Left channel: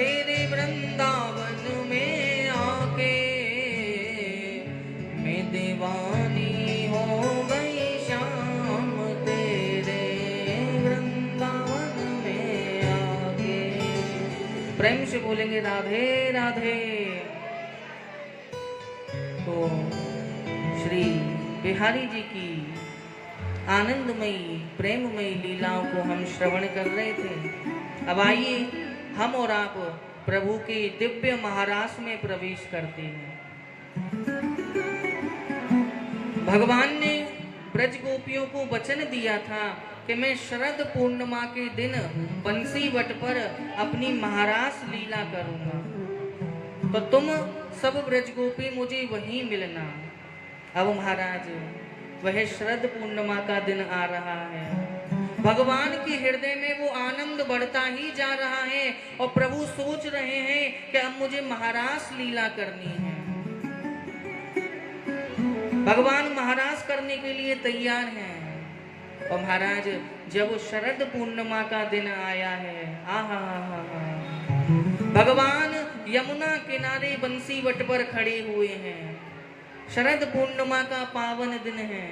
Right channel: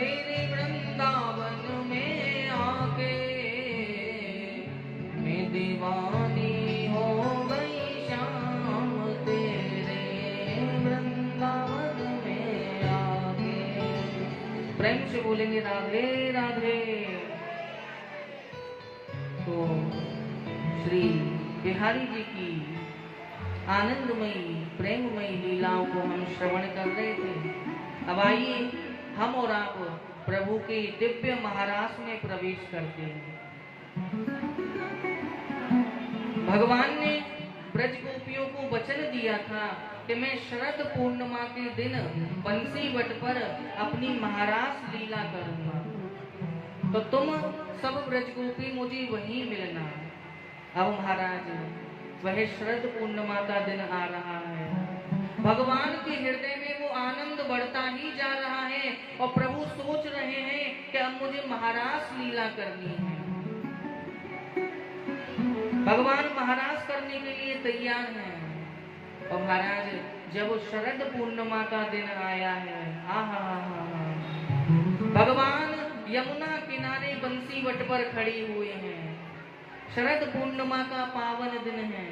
तेरे वृंदावन में आके मैं दीवानी हो गई श्याम तेरे वृंदावन में आके। प्रेम से बोलेंगे राधे राधे। तो श्री बिहारी जी की आनंदमयी प्रेममयी लीलाओं को हम श्रवण कर रहे थे। अब आइए हम और आप प्रभु के दिव्य महारास में प्रवेश करते हैं। भगवान ने ब्रज गोपियों को वचन दिया था कि मैं शरद पूर्णिमा के दिन बंसी वट पर अपनी महारास लीला करूंगा, तो तुम सब ब्रज गोपी मुझे वहीं मिलना। अब महाराज वह शरद पूर्णिमा का दिन आ रहा है। भगवान के हृदय में वो आनंद बढ़ता ही जा रहा है और प्रभु सोच रहे हैं कि अब मुझे महारास लीला करनी है। भगवान महारास करने के लिए तैयार हैं। और महाराज जब शरद पूर्णिमा का दिन आया है, भगवान यमुना किनारे बंसी वट पर खड़े हुए हैं। शरद पूर्णिमा का पावन दिन है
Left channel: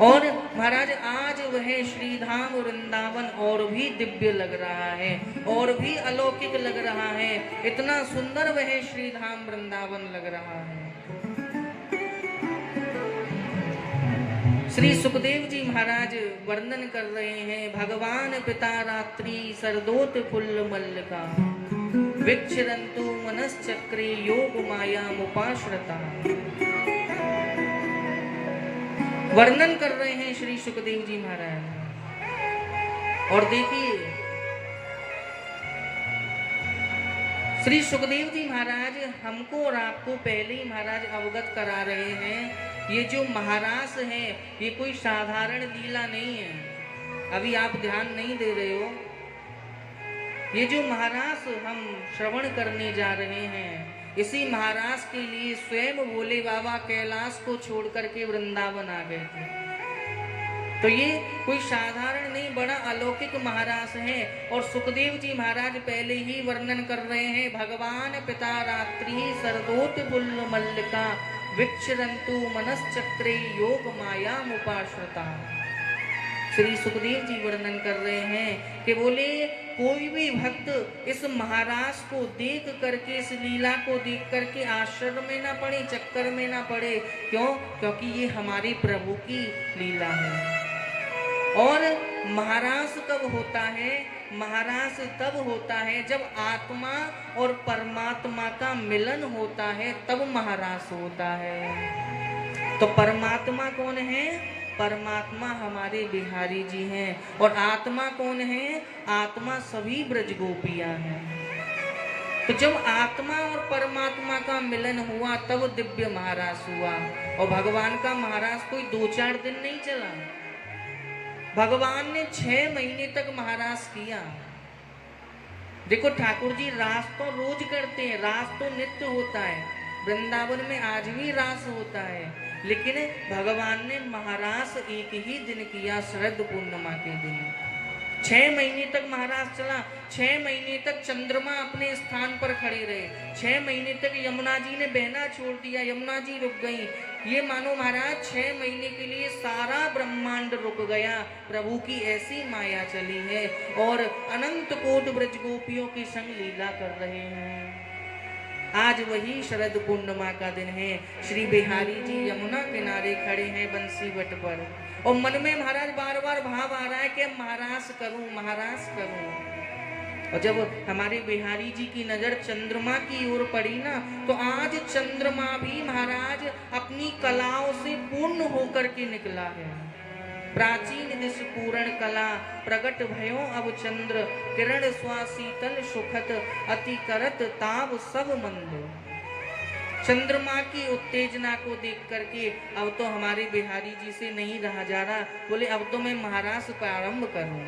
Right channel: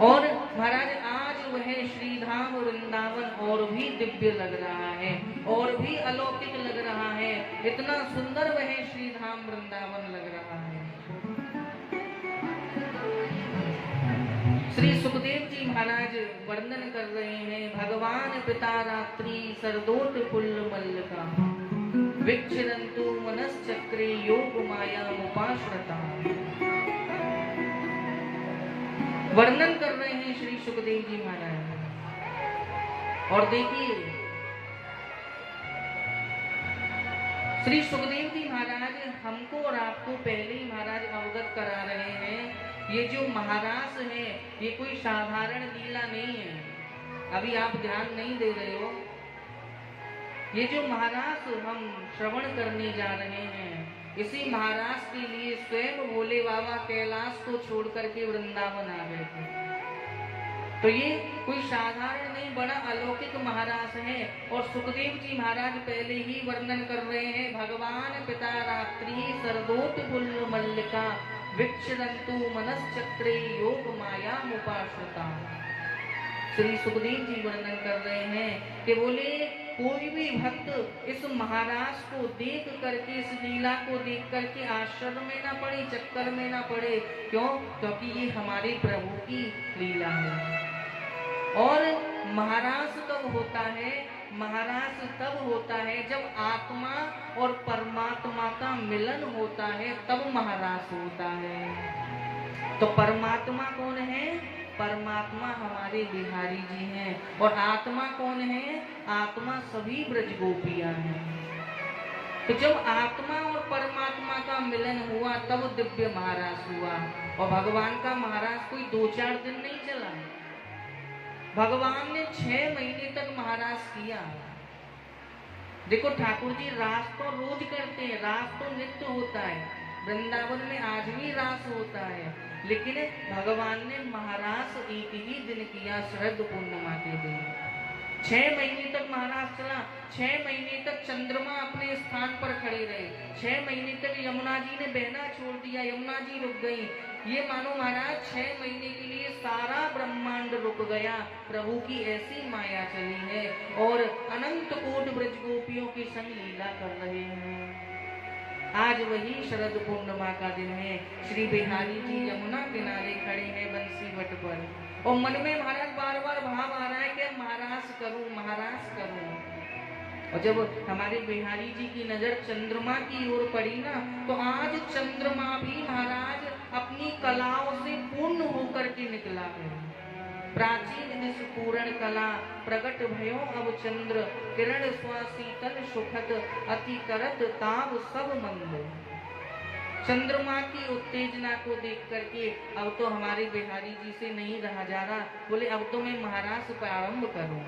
और महाराज आज वह श्रीधाम वृंदावन और भी दिव्य लग रहा है और भी अलौकिक लग रहा है। इतना सुंदर वह श्रीधाम वृंदावन लग रहा है। श्री सुखदेव जी महाराज वर्णन कर रहे हैं, भगवान पिता रात्रि सरदोत फुल्ल मल्लिका विचरन्तु मनश्चक्रे योग माया मुपाश्रता। वर्णन कर रहे हैं श्री सुखदेव जी महाराज। और देखिए श्री सुखदेव जी महाराज हमको और आपको पहले ही महाराज अवगत करा रहे हैं, ये जो महारास है ये कोई साधारण लीला नहीं है। अभी आप ध्यान नहीं दे रहे हो। ये जो महारास हम श्रवण करने जा रहे हैं, इसी महारास के लिए स्वयं भोले बाबा कैलाश को छोड़ करके वृंदावन आ गए थे। तो ये कोई साधारण नहीं, बड़ा अलौकिक महारास है। और सुखदेव जी महाराज पहले ही वर्णन कर रहे हैं, भगवान पिता रात्रि सरदोत फुल्ल मल्लिका विचरन्तु मनश्चक्रे योग माया मुपाश्रता। श्री सुखदेव जी वर्णन कर रहे हैं कि बोले कोई भी भक्त इस महाराज को देख करके, इस लीला को देख करके आश्चर्य में ना पड़े, चक्कर में ना पड़े। क्यों? क्योंकि ये हमारे प्रभु की लीला है। और महारास कब होता है? महारास तब होता है जब आत्मा और परमात्मा का मिलन होता है, तब महारास होता है। तो परमात्मा कौन है? परमात्मा हमारे बिहारी जी हैं। और आत्मा कौन है? आत्मा सभी ब्रज गोपियां हैं। तो जब आत्मा और परमात्मा का मिलन हुआ तब दिव्य महारास हुआ। और भगवान का महारास कोई 2-4 दिन नहीं चला, भगवान ने 6 महीने तक महारास किया। देखो ठाकुर जी रास तो रोज करते हैं, रास तो नित्य होता है, वृंदावन में आज भी रास होता है, लेकिन भगवान ने महारास एक ही दिन किया, शरद पूर्णिमा के दिन। 6 महीने तक महारास चला। 6 महीने तक चंद्रमा अपने स्थान पर खड़े रहे। 6 महीने तक यमुना जी ने बहना छोड़ दिया, यमुना जी रुक गई। ये मानो महाराज 6 महीने के लिए सारा ब्रह्मांड रुक गया। प्रभु की ऐसी माया चली है और अनंत कोटि ब्रज गोपियों की संग लीला कर रहे हैं। आज वही शरद पूर्णिमा का दिन है। श्री बिहारी जी यमुना किनारे खड़े हैं बंसी वट पर और मन में महाराज बार बार भाव आ रहा है कि महारास करूं, महारास करूं। और जब हमारे बिहारी जी की नजर चंद्रमा की ओर पड़ी ना, तो आज चंद्रमा भी महाराज अपनी कलाओं से पूर्ण होकर के निकला है। प्राचीन दिस पूर्ण कला प्रगट भयो अब चंद्र, किरण स्वाशीतल सुखत अति करत ताप सब मंद। चंद्रमा की उत्तेजना को देख करके अब तो हमारे बिहारी जी से नहीं रहा जा रहा। बोले अब तो मैं महारास प्रारंभ करूं।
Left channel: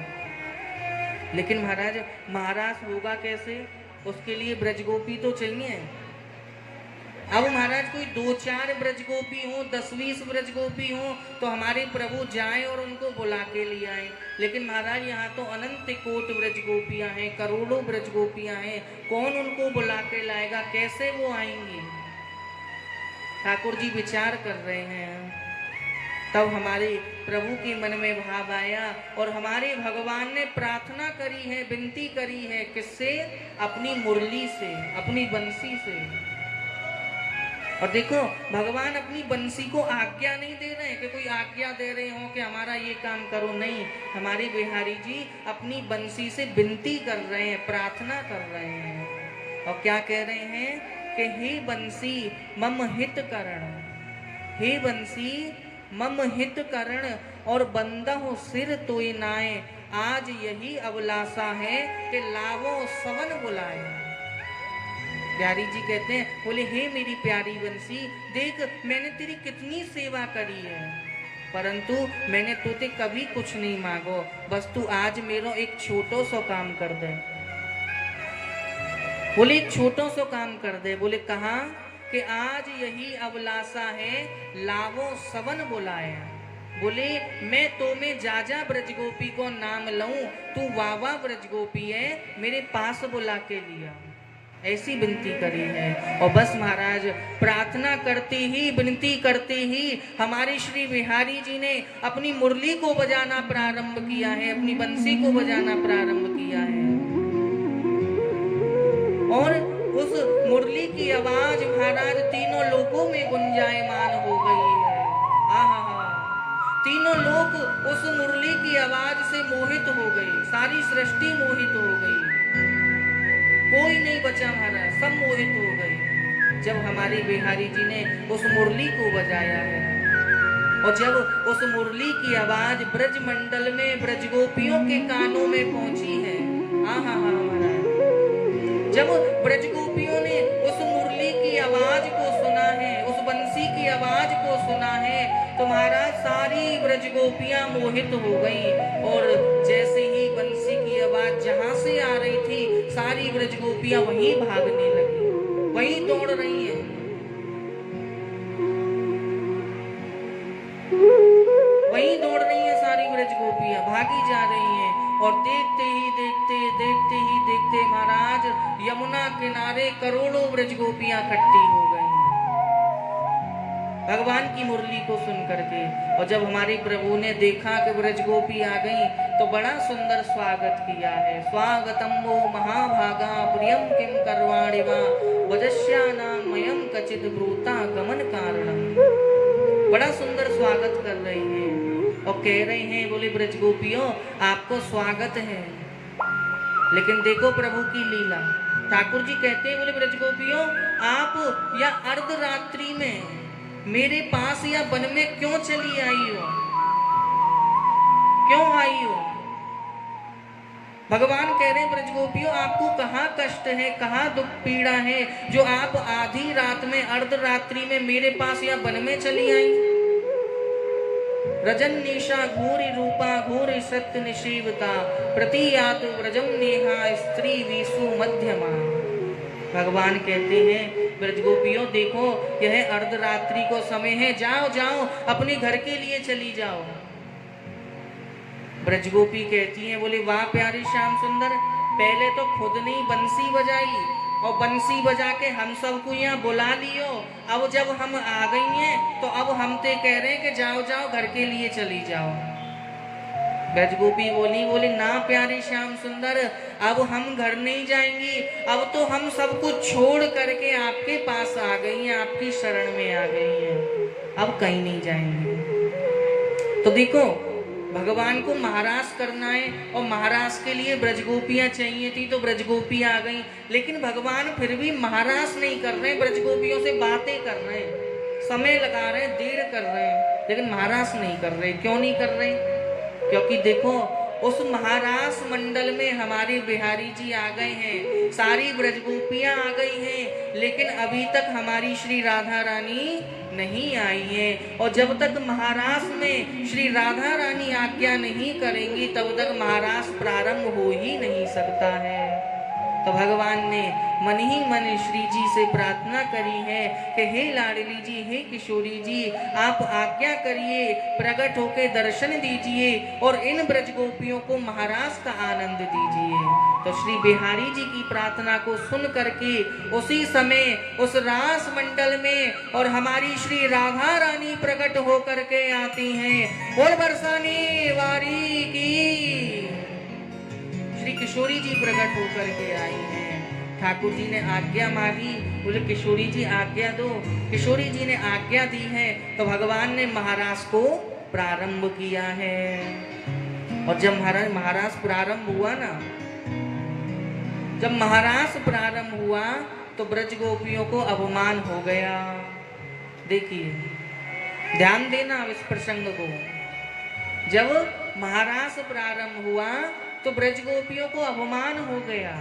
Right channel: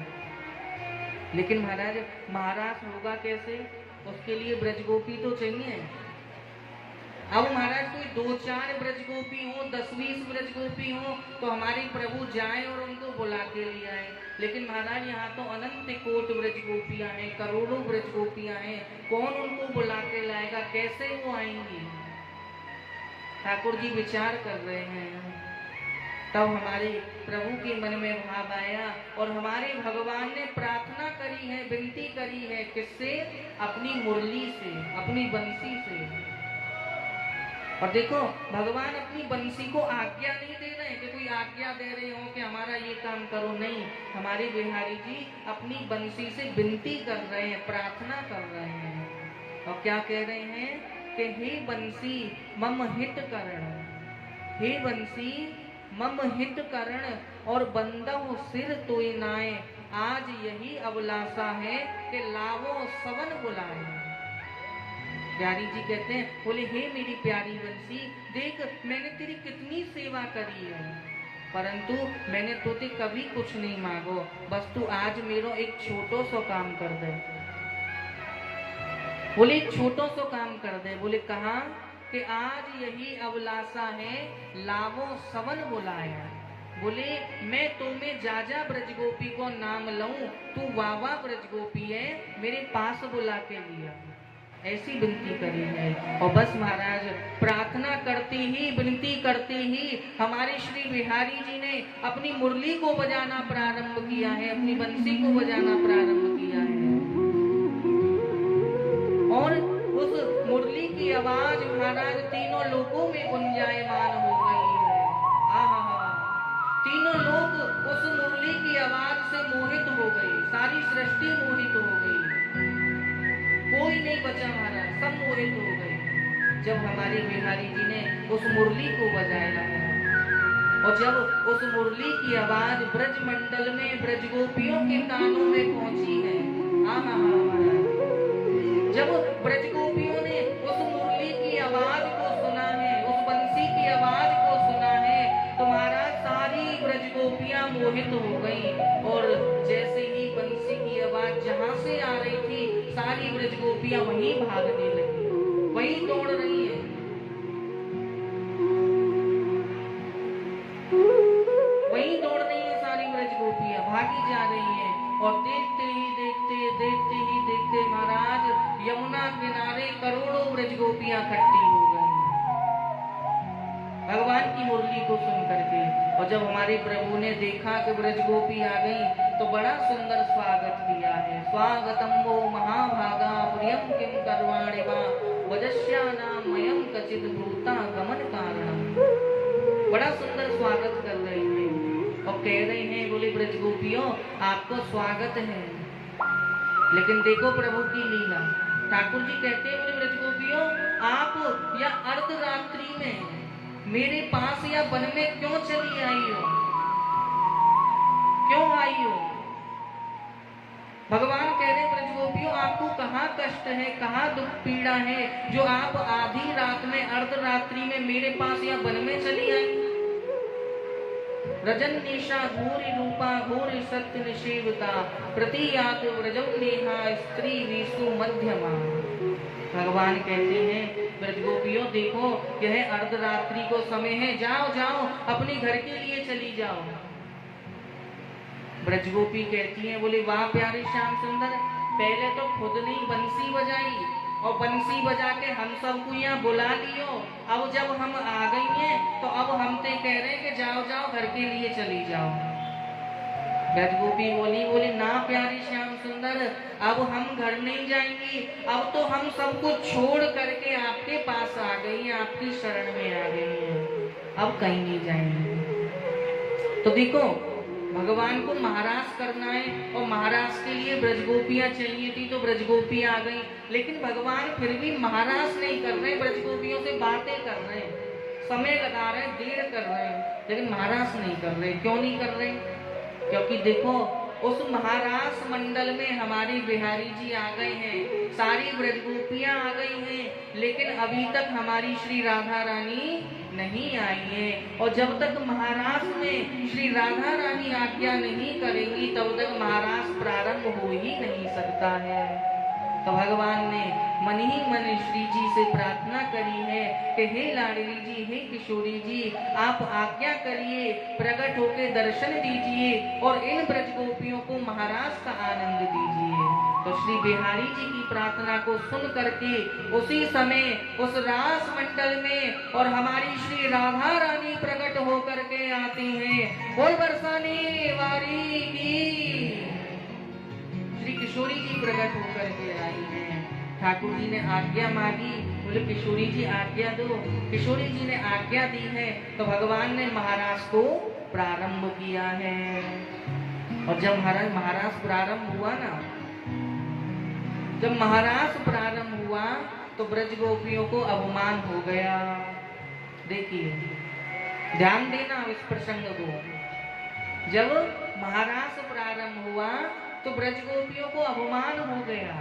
लेकिन महाराज महारास होगा कैसे? उसके लिए ब्रजगोपी तो चाहिए। अब महाराज कोई 2-4 ब्रजगोपी हो, 10-20 ब्रजगोपी हो तो हमारे प्रभु जाए और उनको बुला के ले आए। लेकिन महाराज यहाँ तो अनंत कोट ब्रजगोपियां गोपियां हैं, करोड़ों ब्रज गोपियां हैं, कौन उनको बुला के लाएगा, कैसे वो आएंगी। ठाकुर जी विचार कर रहे हैं। तब हमारे प्रभु के मन में भाव आया और हमारे भगवान ने प्रार्थना करी है, विनती करी है, किससे? अपनी मुरली से, अपनी बंसी से। और देखो भगवान अपनी बंसी को आज्ञा नहीं दे रहे कि कोई आज्ञा दे रहे हो कि हमारा ये काम करो, नहीं। हमारे बिहारी जी अपनी बंसी से विनती कर रहे हैं, प्रार्थना कर रहे हैं। और क्या कह रहे हैं कि हे बंसी मम हित करण, हे बंसी मम हित करण और बंदहु सिर तोय नाय, आज यही अभिलाषा है कि लावो सवन बुलाए। प्यारी जी कहते हैं, बोले हे मेरी प्यारी बंसी, देख मैंने तेरी कितनी सेवा करी है, परंतु मैंने तुझे कभी कुछ नहीं मांगो, बस तू आज मेरो एक छोटो सो काम कर दे। बोले एक छोटो सो काम कर दे। बोले कहाँ? कि आज यही अभिलाषा है, लावो सवन बुलाया। बोले मैं तुम्हें जाजा ब्रजगोपी को नाम लऊं, तू वावा ब्रजगोपी है, मेरे पास बुला के लिया। ऐसी विनती करी है। और बस महाराज प्रार्थना करते ही, विनती करते ही हमारे श्री बिहारी जी ने अपनी मुरली को बजाना प्रारंभ किया है, अपनी बंसी को बजाना प्रारंभ किया है। और उस मुरली की आवाज महाराज तीनों लोकों में गुंजायमान हो गई है। आहा, तीनों लोग उस मुरली की आवाज से मोहित हो गए, सारी सृष्टि मोहित हो गई, कोई नहीं बचा महाराज, सब मोहित हो गए जब हमारे बिहारी जी ने उस मुरली को बजाया है। और जब उस मुरली की आवाज ब्रज मंडल में ब्रजगोपियों के कानों में पहुंची है, आहा महाराज, जब ब्रजगोपियों ने उस मुरली की आवाज को सुना है, उस बंसी की आवाज को सुना है, तो महाराज सारी ब्रजगोपियां मोहित हो गई। और जैसे ही बंसी की आवाज जहां से आ रही थी, सारी ब्रजगोपियां वहीं भागने लगी, वहीं दौड़ रही है, वहीं दौड़ रही है, सारी ब्रजगोपियां भागी जा रही हैं। और देखते ही देखते महाराज यमुना किनारे करोड़ों ब्रजगोपियां इकट्ठी हो गई भगवान की मुरली को सुन करके। और जब हमारे प्रभु ने देखा कि ब्रजगोपी आ गई, तो बड़ा सुंदर स्वागत किया है। स्वागतम वो महाभागा प्रियम किम करवाणि वा वजस्यानाम मयम कचित ब्रूता गमन कारण। बड़ा सुंदर स्वागत कर रहे हैं और कह रहे हैं, बोले ब्रजगोपियों आपको स्वागत है। लेकिन देखो प्रभु की लीला। ठाकुर जी कहते हैं, बोले ब्रजगोपियों आप या अर्धरात्रि में मेरे पास या वन में क्यों चली आई हो, क्यों आई हो? भगवान कह रहे हैं, ब्रजगोपियों आपको कहाँ कष्ट है, कहाँ दुख पीड़ा है, जो आप आधी रात में अर्धरात्रि में मेरे पास या वन में चली आई। रजन निशा घोरी रूपा घोरी सत्य निषेवता प्रतियात व्रजम नेहा स्त्री वेशु मध्यमा। भगवान कहते हैं, ब्रजगोपियों देखो यह अर्धरात्रि को समय है, जाओ जाओ अपने घर के लिए चली जाओ। ब्रजगोपी कहती हैं, बोले वाह प्यारे श्याम सुंदर, पहले तो खुद ने बंसी बजाई और बंसी बजा के हम सबको यहाँ बुला लियो। अब जब हम आ गई हैं तो अब हम ते कह रहे हैं कि जाओ जाओ घर के लिए चली जाओ। ब्रजगोपी बोली ना प्यारे श्याम सुंदर, अब हम घर नहीं जाएंगी, अब तो हम सबको छोड़ करके आपके पास आ गई हैं, आपकी शरण में आ गई हैं, अब कहीं नहीं जाएंगे। तो देखो भगवान को महाराज करना है और महाराज के लिए ब्रजगोपियां चाहिए थी, तो ब्रजगोपी आ गई। लेकिन भगवान फिर भी महाराज नहीं कर रहे, ब्रजगोपियों से बातें कर रहे हैं, समय लगा रहे हैं, देर कर रहे हैं, लेकिन महाराज नहीं कर रहे। क्यों नहीं कर रहे? क्योंकि देखो उस महाराज मंडल में हमारे बिहारी जी आ गए हैं, सारी ब्रजगोपियां आ गई हैं, लेकिन अभी तक हमारी श्री राधा रानी नहीं आई है। और जब तक महाराज में श्री राधा रानी आज्ञा नहीं करेंगी, तब तक महाराज प्रारंभ हो ही नहीं सकता है। तो भगवान ने मन ही मन श्री जी से प्रार्थना करी है कि हे लाडली जी, हे किशोरी जी, आप आज्ञा करिए, प्रकट होकर दर्शन दीजिए और इन ब्रजगोपियों को महाराज का आनंद दीजिए। तो तो श्री बिहारी जी की प्रार्थना को सुन करके उसी समय उस रास मंडल में और हमारी श्री राधा रानी प्रकट होकर के आती हैं। बोल बरसाने वारी की श्री किशोरी जी प्रकट होकर के आई हैं। ठाकुर जी ने आज्ञा मांगी, बोले किशोरी जी आज्ञा दो। किशोरी जी ने आज्ञा दी है तो भगवान ने महाराज को प्रारंभ किया है। और जब महाराज प्रारंभ हुआ ना, जब महाराज प्रारंभ हुआ तो ब्रज गोपियों को अपमान हो गया। देखिए ध्यान देना इस प्रसंग को। जब महाराज प्रारंभ हुआ तो ब्रज गोपियों को अपमान हो गया।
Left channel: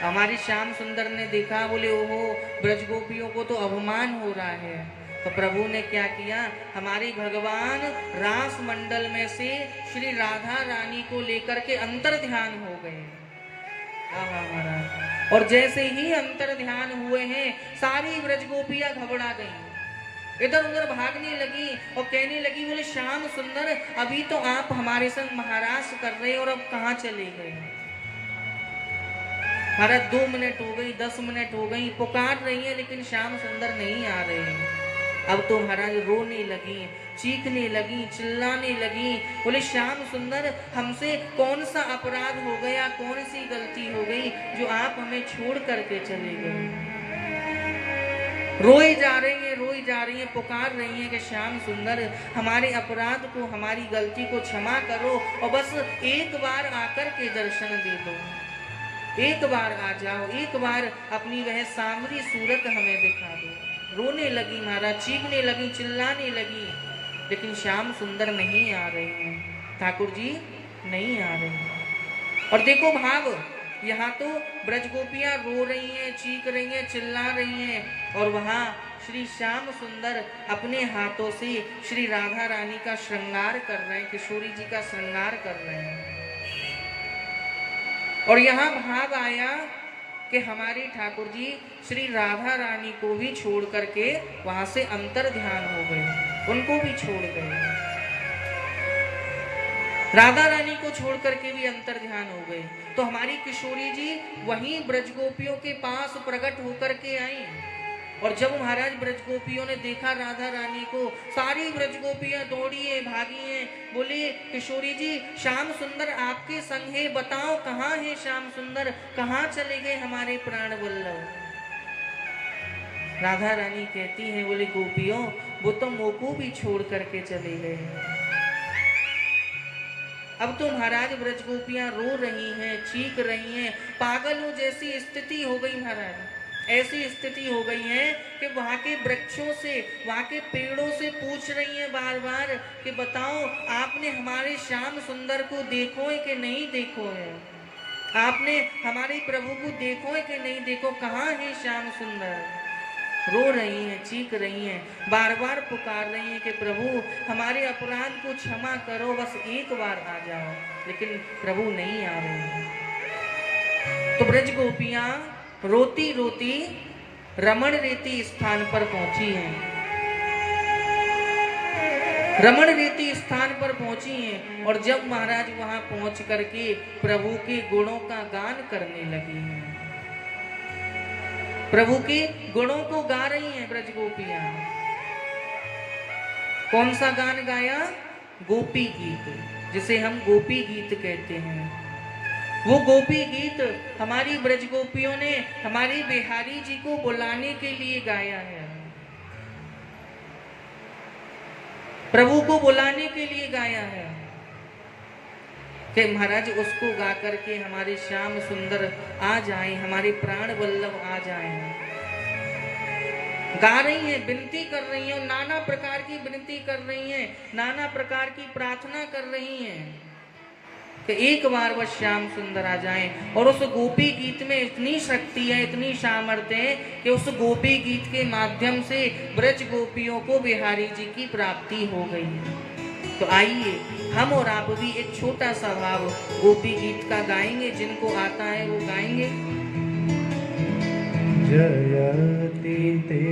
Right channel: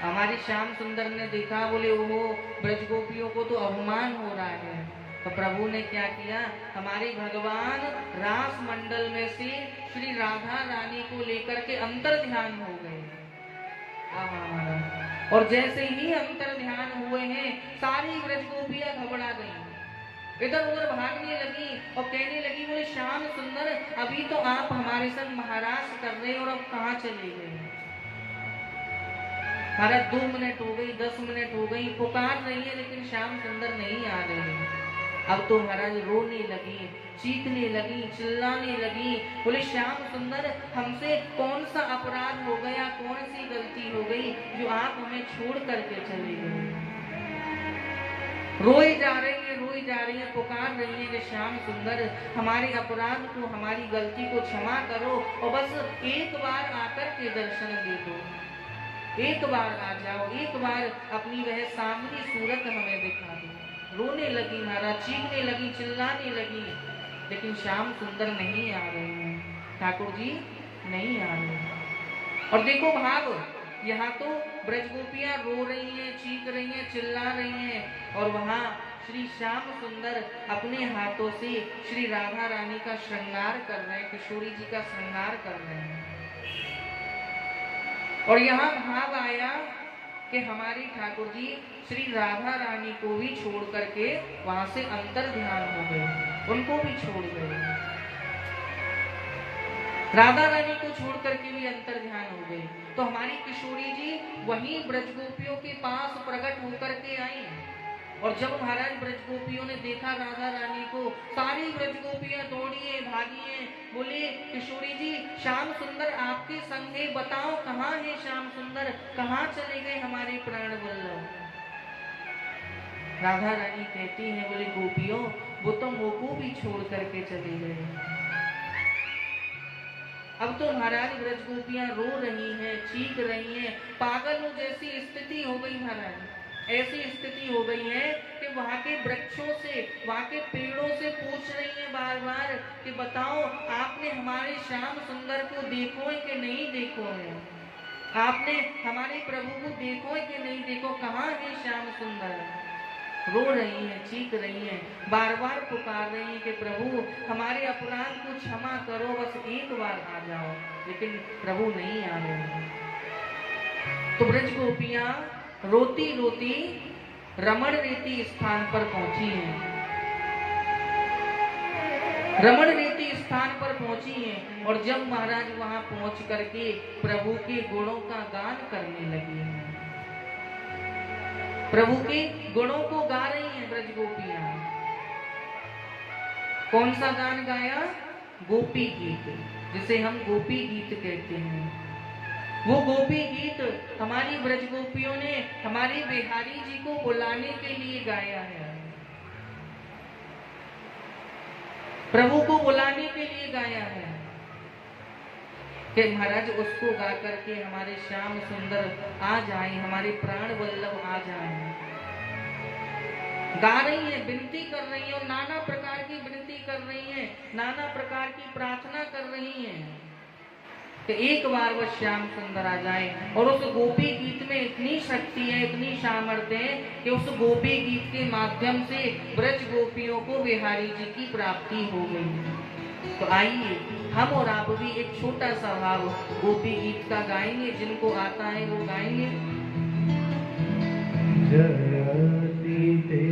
हमारी श्याम सुंदर ने देखा, बोले ओहो ब्रज गोपियों को तो अपमान हो रहा है। तो प्रभु ने क्या किया, हमारे भगवान रास मंडल में से श्री राधा रानी को लेकर के अंतर ध्यान हो गए। और जैसे ही अंतर ध्यान हुए हैं सारी ब्रज गोपियां घबरा गई, इधर उधर भागने लगी और कहने लगी, बोले श्याम सुंदर अभी तो आप हमारे संग महाराज कर रहे और अब कहाँ चले गए। महाराज 2 मिनट हो गई, 10 मिनट हो गई, पुकार रही है लेकिन श्याम सुंदर नहीं आ रहे। अब तो महाराज रोने लगी, चीखने लगी, चिल्लाने लगी, बोले श्याम सुंदर हमसे कौन सा अपराध हो गया, कौन सी गलती हो गई जो आप हमें छोड़ करके चले गए। रोई जा रही है, पुकार रही है कि श्याम सुंदर हमारे अपराध को, हमारी गलती को क्षमा करो और बस एक बार आकर के दर्शन दे दो, एक बार आ जाओ, एक बार अपनी वह सांवली सूरत हमें दिखा दो। रोने लगी महाराज, चीखने लगी, चिल्लाने लगी, लेकिन श्याम सुंदर नहीं आ रहे हैं, ठाकुर जी नहीं आ रहे हैं। और देखो भाव, यहाँ तो ब्रज गोपियां रो रही हैं, चीख रही हैं, चिल्ला रही हैं और वहाँ श्री श्याम सुंदर अपने हाथों से श्री राधा रानी का श्रृंगार कर रहे हैं, किशोरी जी का श्रृंगार कर रहे हैं। और यहाँ भाव आया कि हमारी ठाकुर जी श्री राधा रानी को भी छोड़ करके वहां से अंतर ध्यान हो गए, उनको भी छोड़ गए, राधा रानी को छोड़ करके भी अंतर ध्यान हो गए। तो हमारी किशोरी जी वहीं ब्रज गोपियों के पास प्रकट होकर के आई। और जब महाराज ब्रज गोपियों ने देखा राधा रानी को, सारी ब्रज गोपियां दौड़ी है, भागी है, बोले किशोरी जी श्याम सुंदर आपके संग है, बताओ कहाँ है श्याम सुंदर, कहाँ चले गए हमारे प्राण वल्लभ। राधा रानी कहती है, बोले गोपियों वो तो मोको भी छोड़ करके चले गए। अब तो महाराज ब्रज गोपियां रो रही हैं, चीख रही हैं, पागलों जैसी स्थिति हो गई महाराज। ऐसी स्थिति हो गई है कि वहाँ के वृक्षों से, वहाँ के पेड़ों से पूछ रही हैं बार बार कि बताओ आपने हमारे श्याम सुंदर को देखो है कि नहीं देखो है, आपने हमारे प्रभु को देखो है कि नहीं देखो, कहाँ है श्याम सुंदर। रो रही हैं, चीख रही हैं, बार बार पुकार रही हैं कि प्रभु हमारे अपराध को क्षमा करो, बस एक बार आ जाओ, लेकिन प्रभु नहीं आ रहे। तो ब्रज गोपियां रोती रोती रमण रेती स्थान पर पहुंची हैं, रमण रेती स्थान पर पहुंची हैं। और जब महाराज वहां पहुंच करके प्रभु के गुणों का गान करने लगी हैं, प्रभु के गुणों को गा रही हैं ब्रज गोपियां। कौन सा गान गाया? गोपी गीत, जिसे हम गोपी गीत कहते हैं। वो गोपी गीत हमारी ब्रज गोपियों ने हमारे बिहारी जी को बुलाने के लिए गाया है, प्रभु को बुलाने के लिए गाया है कि महाराज उसको गा करके हमारे श्याम सुंदर आ जाएं, हमारे प्राण वल्लभ आ जाएं। गा रही हैं, विनती कर रही हैं, और नाना प्रकार की विनती कर रही हैं, नाना प्रकार की प्रार्थना कर रही हैं कि एक बार बस श्याम सुंदर आ जाएं। और उस गोपी गीत में इतनी शक्ति है, इतनी सामर्थ्य है कि उस गोपी गीत के माध्यम से ब्रज गोपियों को बिहारी जी की प्राप्ति हो गई। तो आइए हम और आप भी एक छोटा सा भाव गोपी गीत का गाएंगे, जिनको आता है वो गाएंगे। जयति ते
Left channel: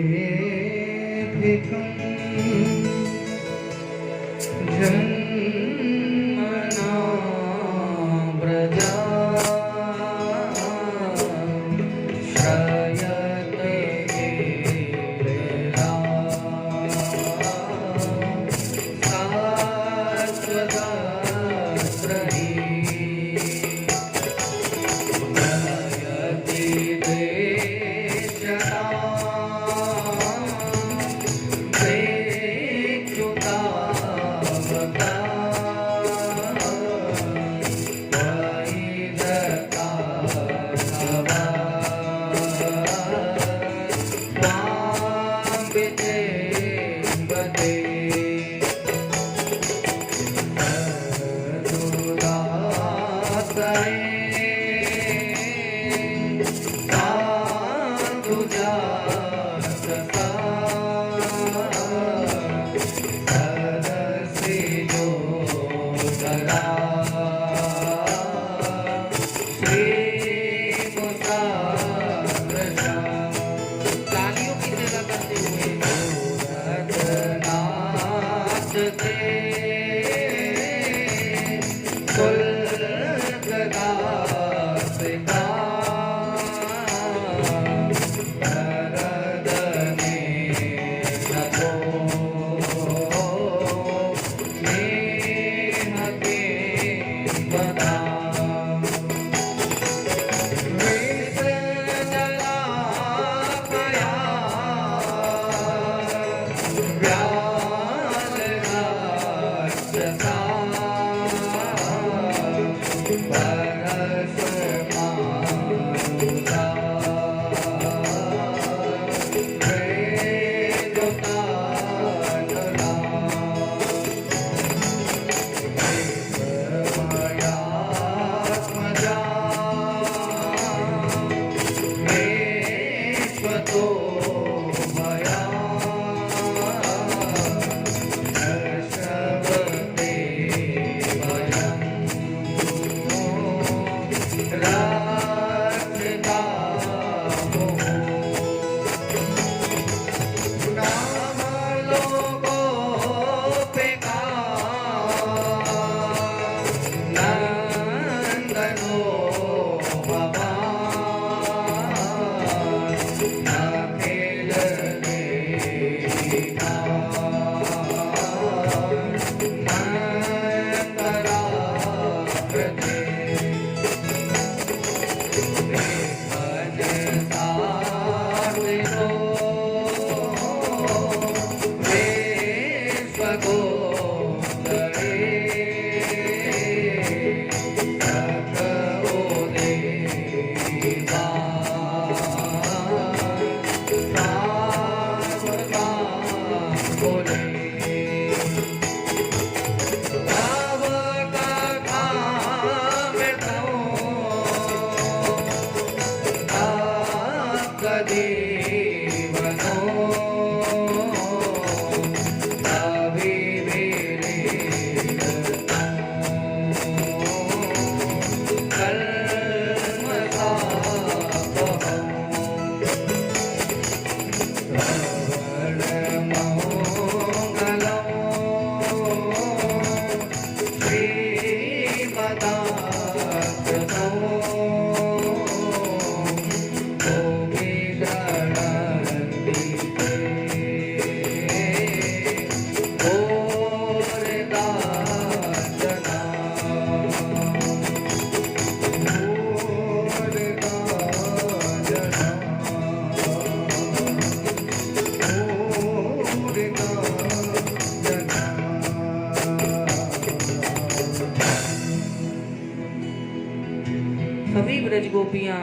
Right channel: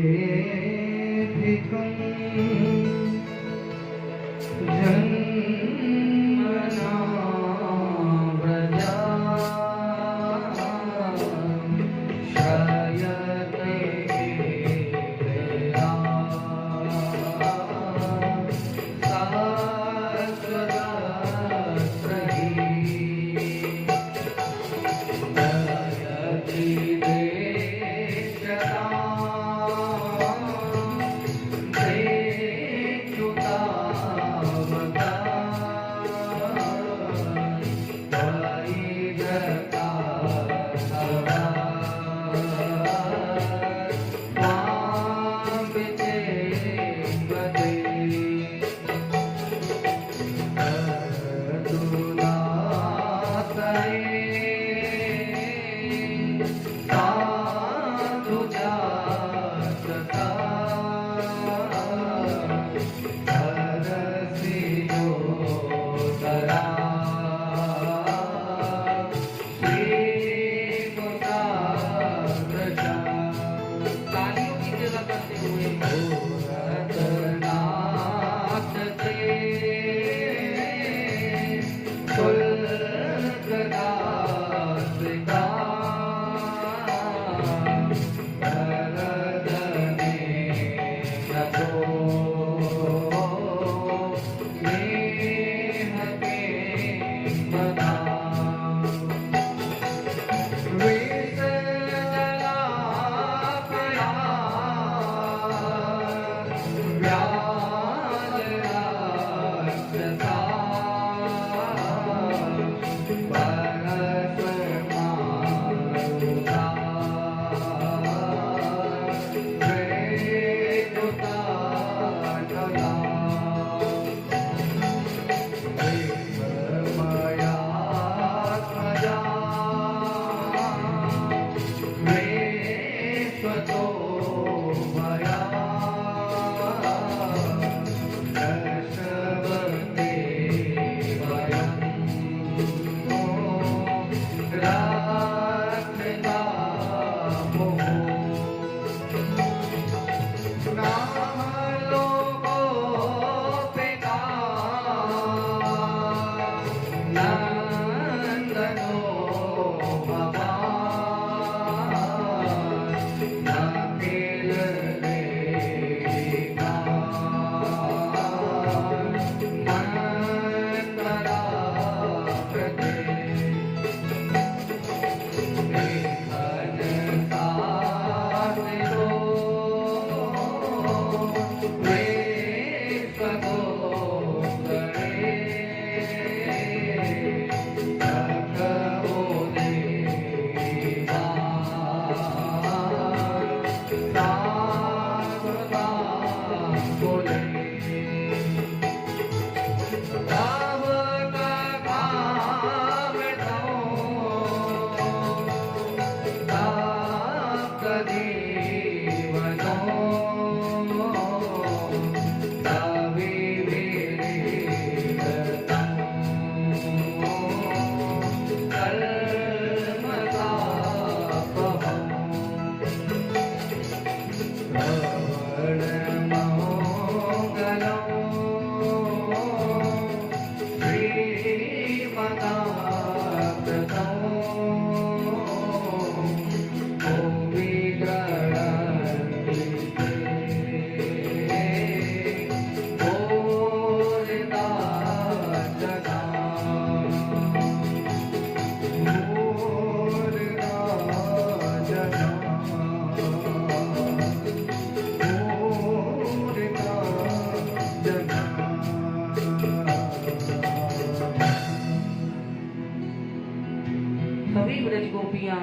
सभी ब्रज गोपियां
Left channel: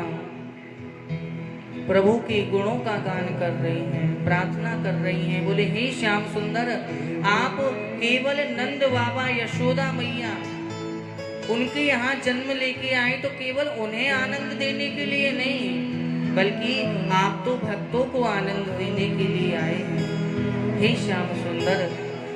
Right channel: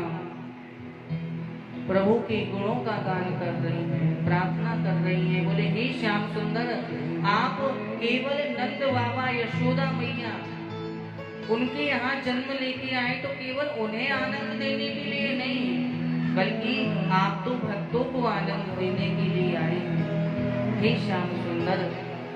प्रभु के गुणों का गान कर रही हैं, प्रार्थना कर रही हैं। बोले हे श्याम सुंदर, आप केवल नंद बाबा यशोदा मैया उनके यहाँ जन्म लेके आए तो केवल उन्हें आनंद देने के लिए नहीं, बल्कि आप तो भक्तों को आनंद देने के लिए आए। हे श्याम सुंदर,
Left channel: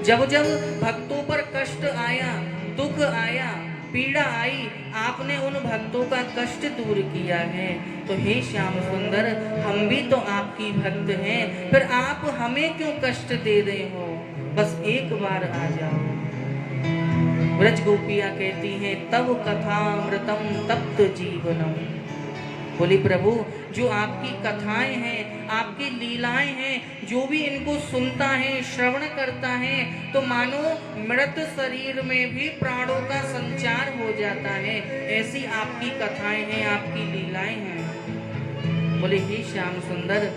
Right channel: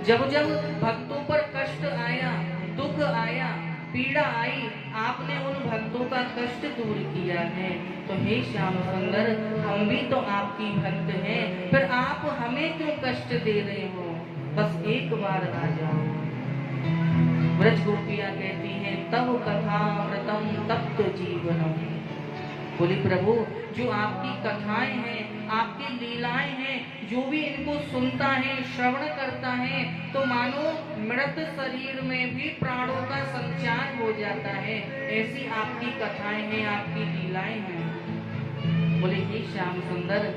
जब जब भक्तों पर कष्ट आया, दुख आया, पीड़ा आई, आपने उन भक्तों का कष्ट दूर किया है। तो हे श्याम सुंदर, हम भी तो आपकी भक्त हैं, फिर आप हमें क्यों कष्ट दे रहे हो? बस एक बार आ जाओ। ब्रज गोपियां कहती हैं तव कथामृतम तप्त जीवनम। बोली प्रभु, जो आपकी कथाएं हैं, आपकी लीलाएं हैं, जो भी इनको सुनता है, श्रवण करता है, तो मानो मृत शरीर में भी प्राणों का संचार हो जाता है। ऐसी आपकी कथाएं हैं, आपकी लीलाएं हैं। बोले हे श्याम सुंदर,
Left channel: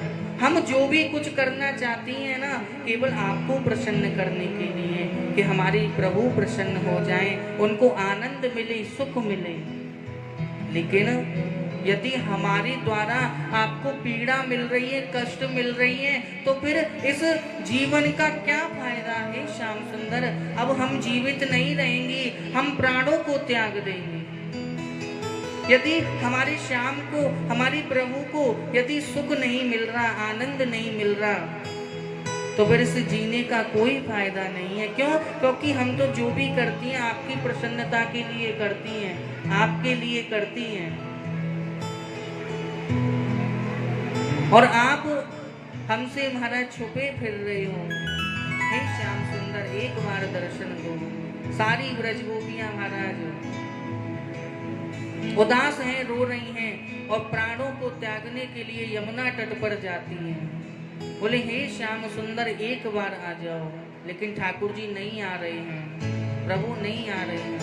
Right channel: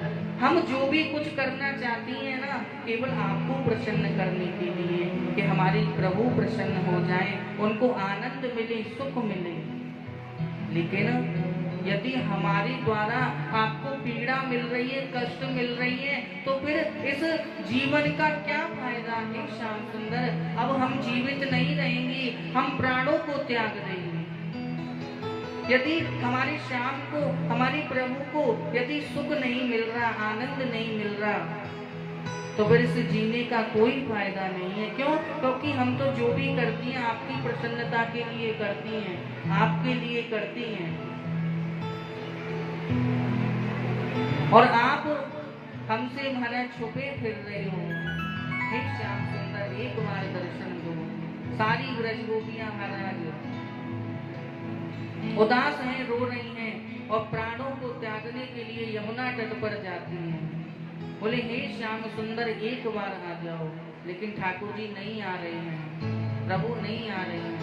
हम जो भी कुछ करना चाहती हैं ना, केवल आपको प्रसन्न करने के लिए, कि हमारे प्रभु प्रसन्न हो जाएं, उनको आनंद मिले, सुख मिले। लेकिन यदि हमारे द्वारा आपको पीड़ा मिल रही है, कष्ट मिल रही है, तो फिर इस जीवन का क्या फायदा है श्याम सुंदर? अब हम जीवित नहीं रहेंगे, हम प्राणों को त्याग देंगे। यदि हमारे श्याम को, हमारे प्रभु को यदि सुख नहीं मिल रहा, आनंद नहीं मिल रहा, तो फिर इस जीने का कोई फायदा नहीं है। क्यों? क्योंकि हम तो जो भी करती हैं आपकी प्रसन्नता के लिए करती हैं, आपके लिए करती हैं, और आप हमसे महाराज छुपे फिर रहे हो। हे श्याम सुंदर, एक बार दर्शन दो। सारी ब्रज गोपियां महाराज उदास हैं, रो रही हैं और प्राणों को त्यागने के लिए यमुना तट पर जाती हैं। बोले हे श्याम सुंदर एक बार आ जाओ, लेकिन ठाकुर जी नहीं आ रहे हैं, प्रभु नहीं आ रहे हैं।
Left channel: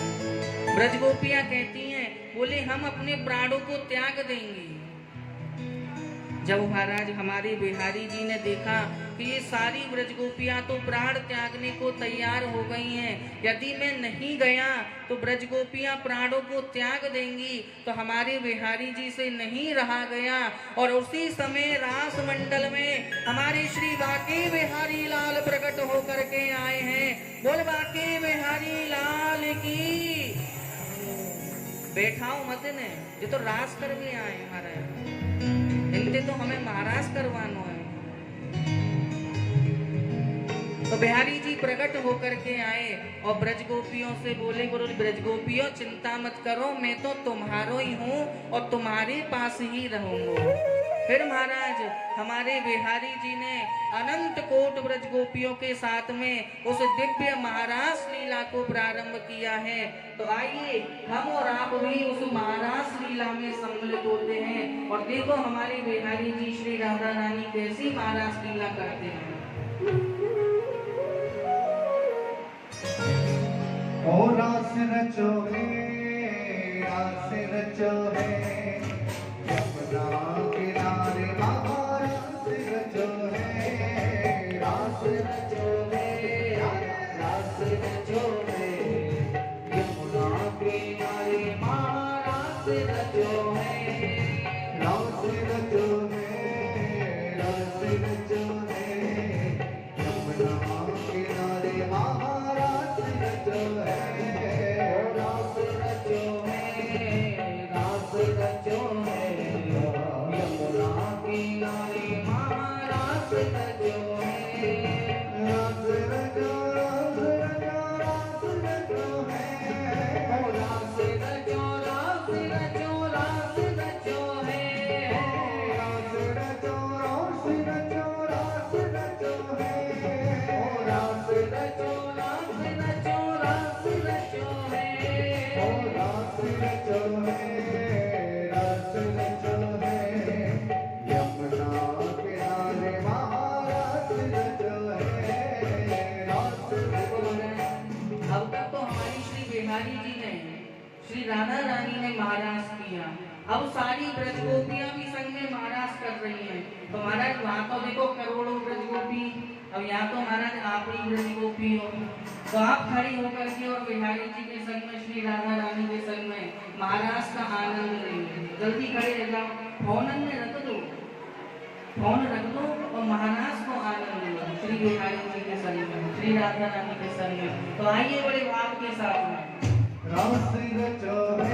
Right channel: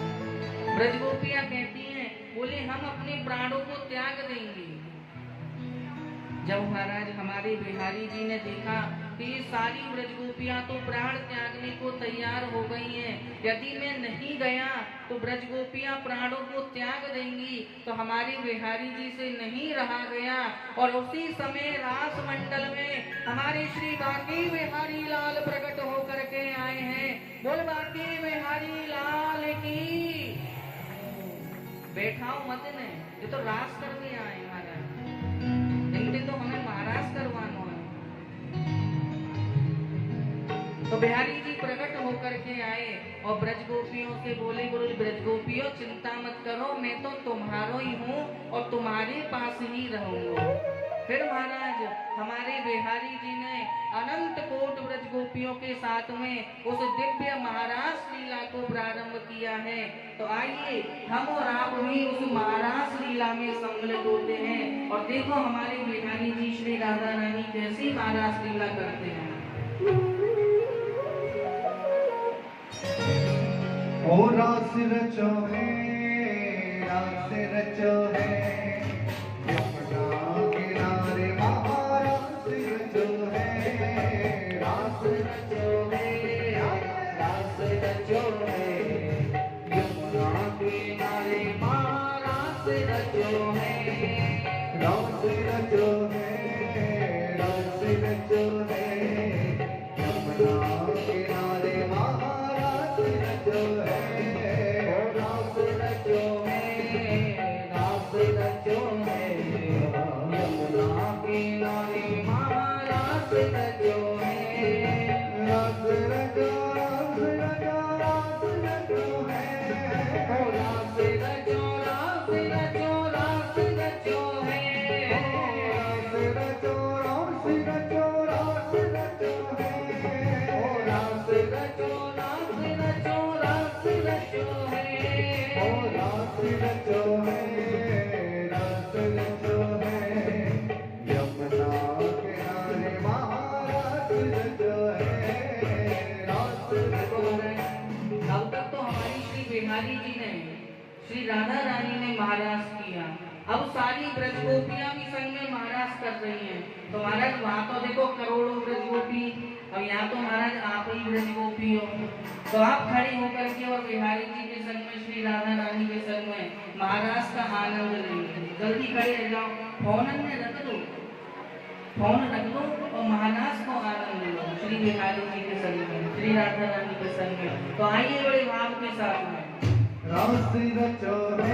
ब्रजगोपियां कहती हैं, बोले हम अपने प्राणों को त्याग देंगे। जब महाराज हमारे बिहारी जी ने देखा कि ये सारी ब्रजगोपियां तो प्राण त्यागने को तैयार हो गई हैं, यदि मैं नहीं गया तो ब्रजगोपियां प्राणों को त्याग देंगी, तो हमारे बिहारी जी से नहीं रहा गया। और उसी समय रास मंडल में हमारे श्री बांके बिहारी लाल प्रकट होकर के आए हैं। बोल बांके बिहारी लाल की। बैठाओ मत ने, ये तो रास कर भी आए महाराज, इनसे तो हमें महाराज करवाना है। तो बिहारी जी प्रकट होकर के आए और ब्रजगोपियों से बोले, बोलो ब्रजगोपियों चिंता मत करो, मैं तो तुम्हारो ही हूँ और तुम्हारे पास ही रहूंगा। फिर महाराज हमारे बिहारी जी ने अनंत कोट ब्रजगोपियों के साथ में उस दिव्य महारास लीला को प्रारंभ किया है। तो आइए हम और आप भी उस महारास लीला में सम्मिलित होते हैं और देखो हमारे बिहारी जी श्री राधा रानी कैसी महारास लीला करते हैं। ओ रास रचो है, रास रचो है, यमुना किनारे महारास रचो है, रास रचो है, रास रचो है, यमुना किनारे महारास रचो है, रास रचो है, रास रचो है, यमुना किनारे महारास रचो है, रास रचो है, रास रचो है, यमुना किनारे महारास रचो है, रास रचो, रास रचो, रास रचो है, रास रचो, रास रचो, रास रचो है, रास रचो, रास रचो, रास रचो है, रास रचो, रास रचो, रास रचो है, रास रचो है, रास रचो है, यमुना किनारे महारास रचो है, रास रचो है। अब तक तो हमारी श्री बिहारी जी ने श्री राधा रानी ने महाराज किया, अब सारी ब्रजगोपियां भी संग में महाराज कर रही हैं। तो महाराज वहां तो देखो करोड़ों ब्रजगोपी, अब यहाँ तो महाराज आप ही ब्रजगोपी हो, तो आप खड़ी होकर के और बिहारी जी के संग में श्री राधा रानी के संग में महाराज का आनंद लेंगे। जल्दी खड़े रह जाओ, फोन में रख दो, फोन रख दो और महाराज को आनंद लो श्री बिहारी जी के संग में, श्री राधा रानी के संग में। तो आइए बड़े भाव के साथ में रास रचो है।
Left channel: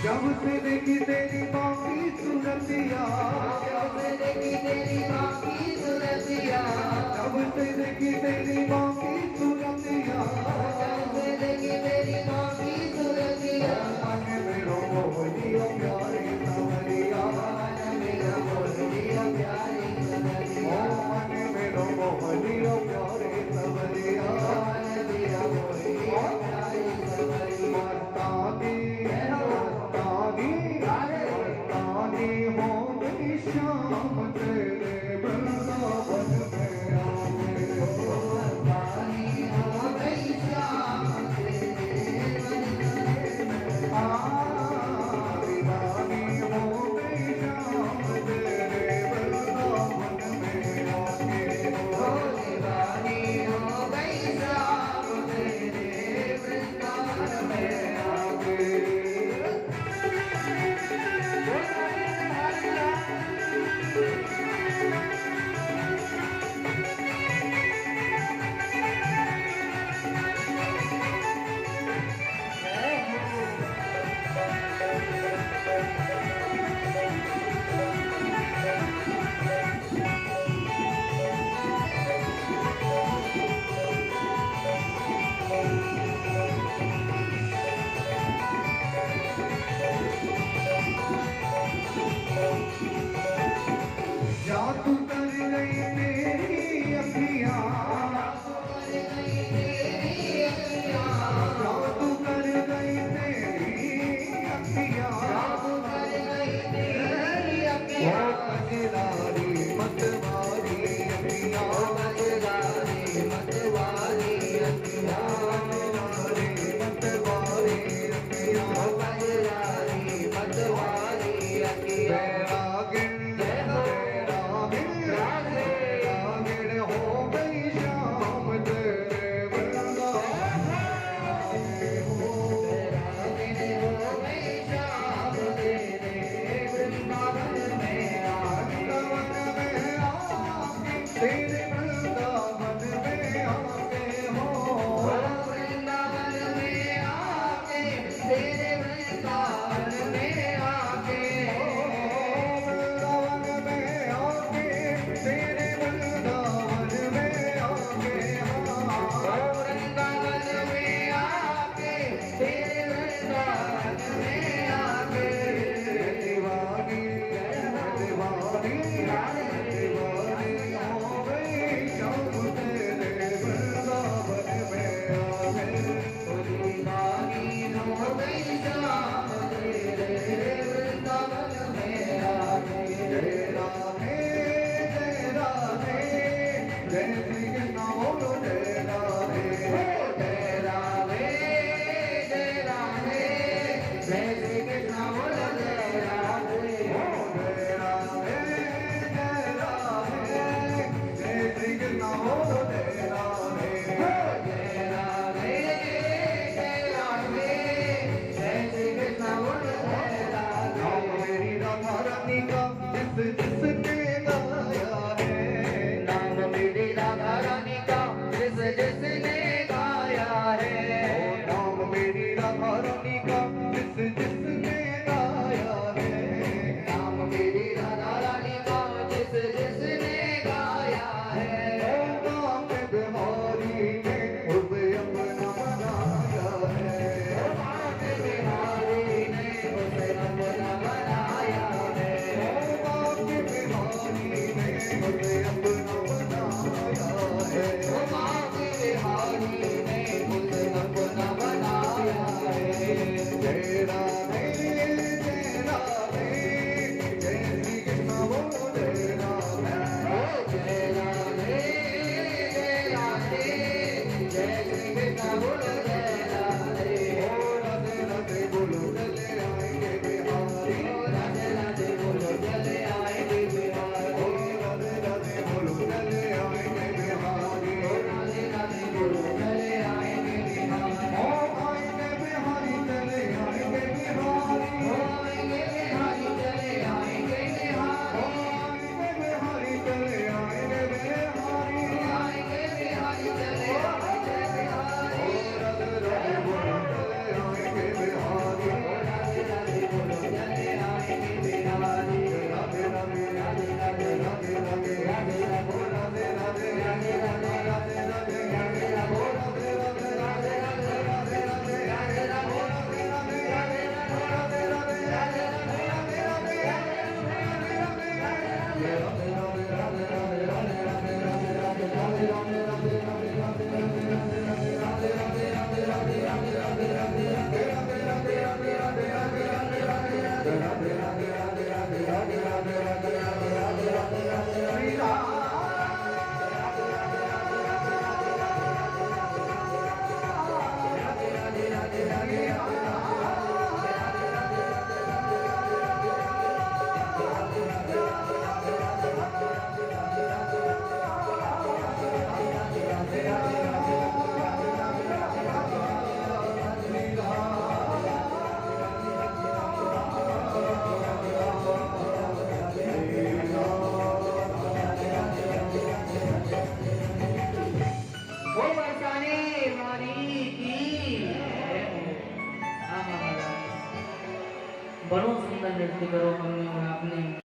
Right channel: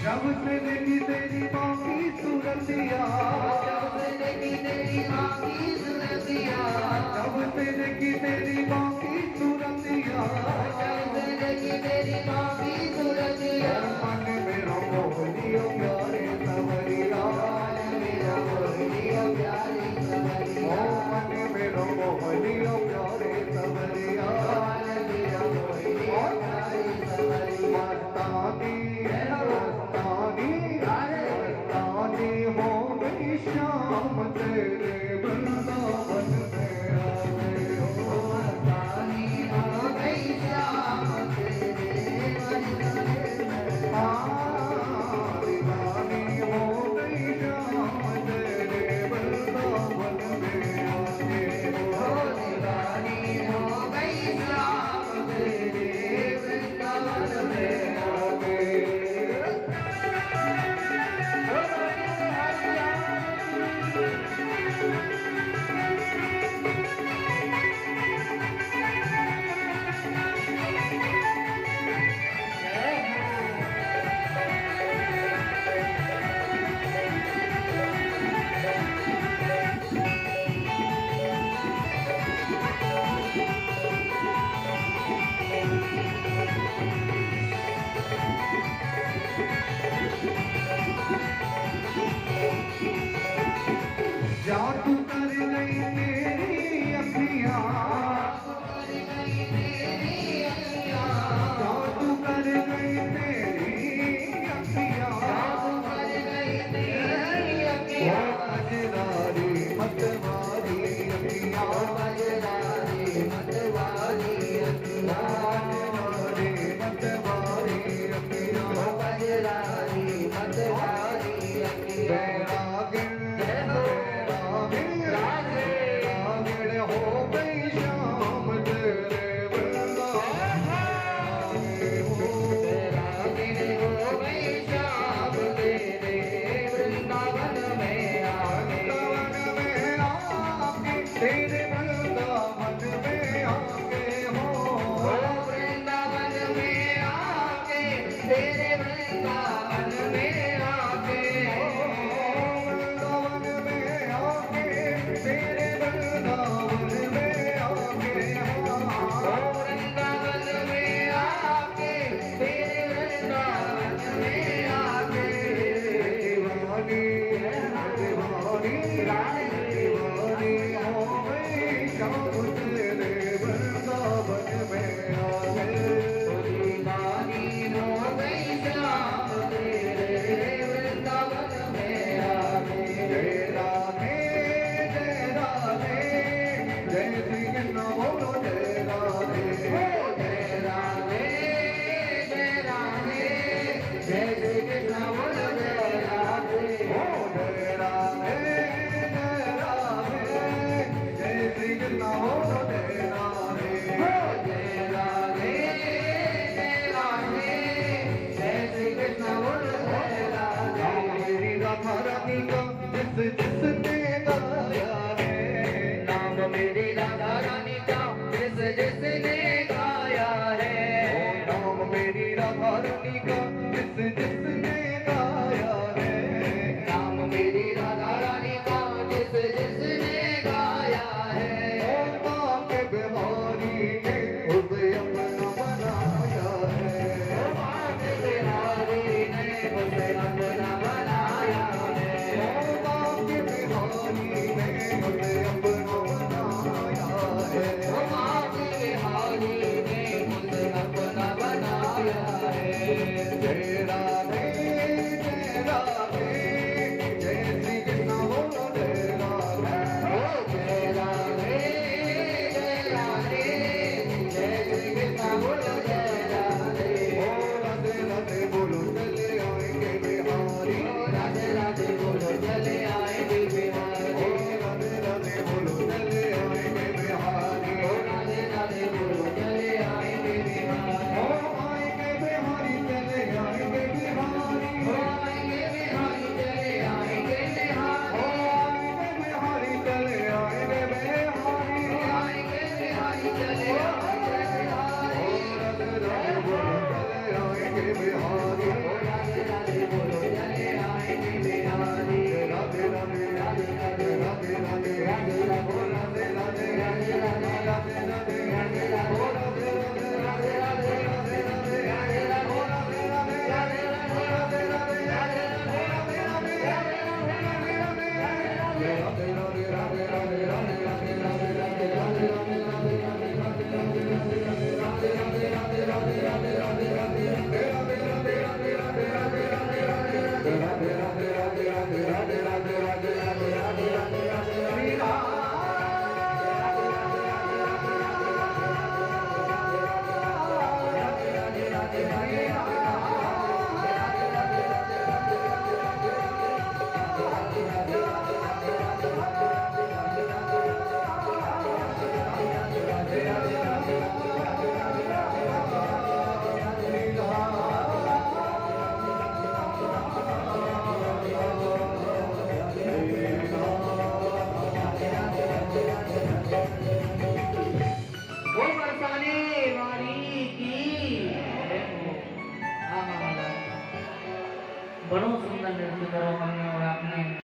जब से देखी तेरी माँ की सूरतिया, जब से देखी तेरी माँ की सूरतिया, जब से देखी तेरी माँ की सूरतिया, जब से देखी तेरी माँ की सूरतिया, मन मेरो मोहनियो प्यारे सवरिया, मेरो मोहनियो प्यारे सवरिया, मन मेरो मोहनियो प्यारे सवरिया, मेरो मोहनियो प्यारे सवरिया, मस्तानी मस्तानी हो गई शाम तेरे वृंदावन में आ गए हो, तेरे वृंदावन में आके हो वृंदावन में आके तेरे वृंदावन में आके वृंदावन में आके तेरे वृंदावन में आके वृंदावन में आके तेरे वृंदावन में आके दीवानी दीवानी दीवानी हो गई शाम तेरे वृंदावन में आके दीवानी हो गई शाम तेरे वृंदावन में आके जय राधे जय श्री कृष्ण बोलो जय राधे जय राधे जय राधे जय श्री कृष्ण बोलो जय राधे जय राधे जय श्री कृष्ण बोलो जय राधे जय राधे जय राधे जय श्री कृष्ण बोलो जय राधे नाम मेरी राधा रानी का जिसने गाया है नाम मेरी राधा रानी का जिसने गाया है नाम मेरी राधा रानी का जिसने गाया है नाम मेरी राधा रानी का जिसने गाया है नाम के बिहारी ने उसे अपना बनाया है बाप बिहारी ने उसे अपना बनाया है नाम के बिहारी ने उसे अपना बनाया है बाप बिहारी ने उसे अपना बनाया है जय राधे जय श्री कृष्ण बोलो जय राधे जय राधे जय राधे जय श्री कृष्ण बोलो जय राधे राधे राधे बोलो चले आएंगे बिहारी राधे राधे बोलो चले आएंगे बिहारी राधे राधे बोलो चले आएंगे बिहारी राधे राधे बोलो चले आएंगे बिहारी आएंगे बिहारी चले आएंगे बिहारी आएंगे बिहारी चले आएंगे बिहारी आएंगे बिहारी चले आएंगे बिहारी आएंगे बिहारी चले आएंगे बिहारी राधे राधे बोलो चले आएंगे बिहारी राधे राधे बोलो चले आएंगे बिहारी राधे राधे राधे राधे राधे राधे राधे राधे राधे राधे राधे राधे वो बरसाने वाली की बड़ो सुंदर नृत्य करो हमने और आपने